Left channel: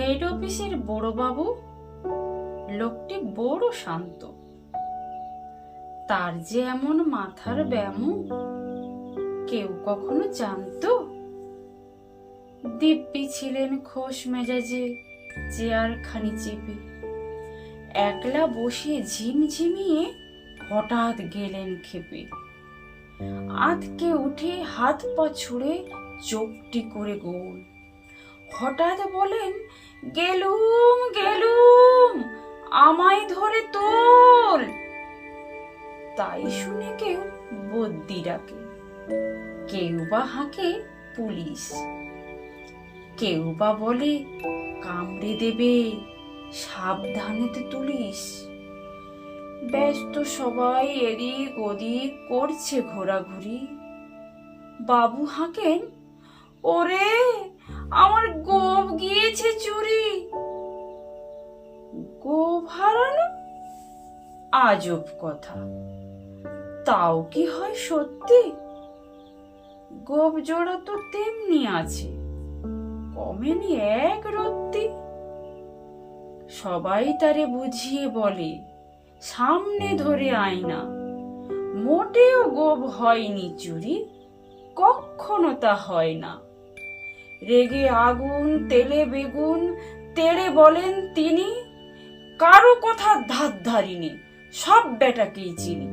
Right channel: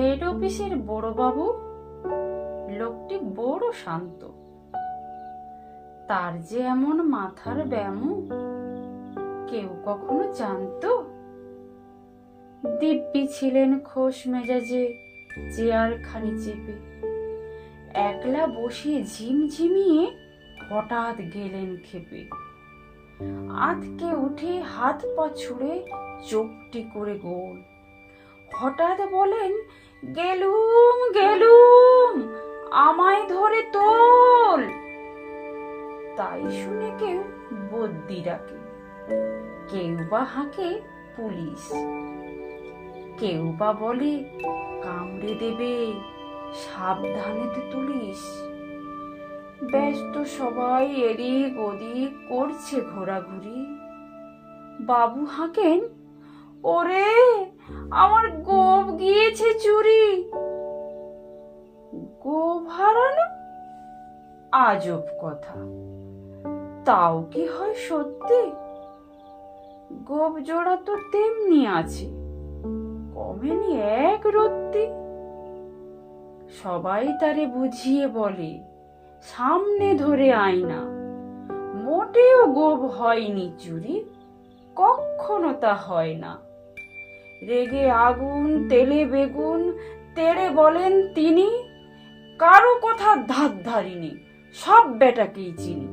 অফিসের বড়বাবু? লোকটি বড় শান্ত। তার যে এমন মাথার ব্যায়াম, কেউ কখনো জানতো? দিব্যি ছিলেন খোশ মেজাজে, চেয়ার খানি চেপে। একলা বসে ঝিমঝিমিয়ে হঠাৎ গেলেন খেপে। আতকে উঠে হাত পা ছুড়ে চোখটি করে গোল। হঠাৎ বলেন গেলুম গেলুম, আমায় ধরে তোল। তাই শুনে কেউ বদ্যি ডাকে। কেউ বা হাঁকে পুলিশ। কেউ বা বলে, কামড়ে দেবে, সাবধানেতে তুলিস। ব্যস্ত সবাই এদিক ওদিক করছে ঘোরাঘুরি। বাবু হাঁকেন, ওরে আমার গোপ গিয়েছে চুরি। গোপ হারানো? আজব কথা। তাও কি হয় সত্যি? গোপ জোড়া তো তেমনি আছে। কমেনি এক রত্তি। সবাই তারে বুঝিয়ে বলে, সামনে ধরে আয়না। মোটেও গোপ হয়নি চুরি কখনো তা হয় না। রেগে আগুন, তেলে বেগুন তেড়ে বলেন তিনি, কারও কথা ধার ধারিনি, সব বেটাকেই চিনি।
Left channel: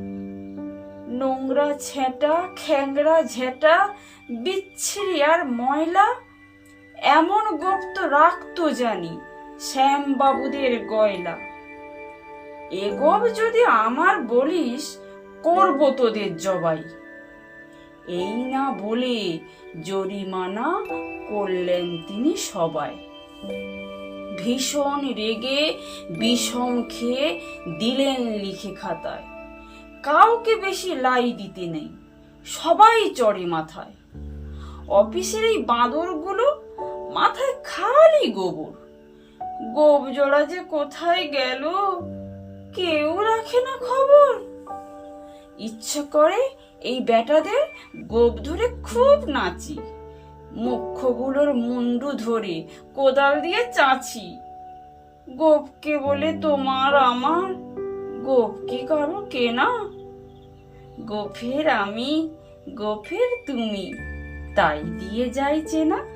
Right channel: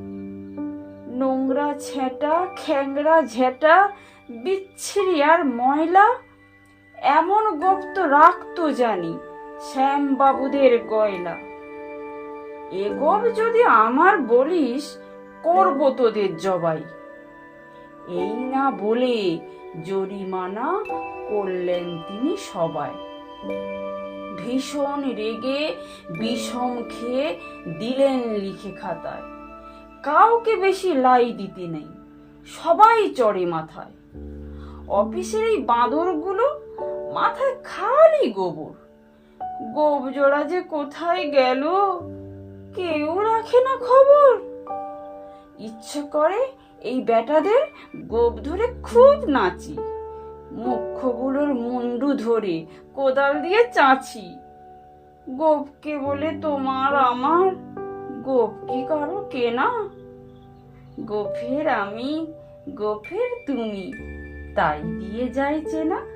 নোংরা ছেঁটা, খ্যাংরা ঝেঁটা, বিচ্ছিরি আর ময়লা, এমন গুপ্ত রাখতো জানি শ্যাম বাবুদের গয়লা এ গপ যদি আমার বলিস, করব তোদের জবাই। এই না বলে জরিমানা করলেন তিনি সবাই। ভীষণ রেগে বিষম খেয়ে দিলেন লিখে খাতায়। কাউকে বেশি লাই দিতে নেই, সবাই চড়ে মাথায়। অফিসের এই বাঁদরগুলো মাথায় খালি গোবর। গোব জোড়া যে কোথায় গেল, কেউ রাখে না খবর। ইচ্ছে করে এই বেটাদের গোপ ধরে খুব নাচি। মুখ্যগুলোর মুন্ডু ধরে কোদাল দিয়ে চাচি। গোপকে বলে তোমার আমার, গোপ কি করো কেনা? গোফের আমি গোফের তুমি, তাই দিয়ে যাই চেনা।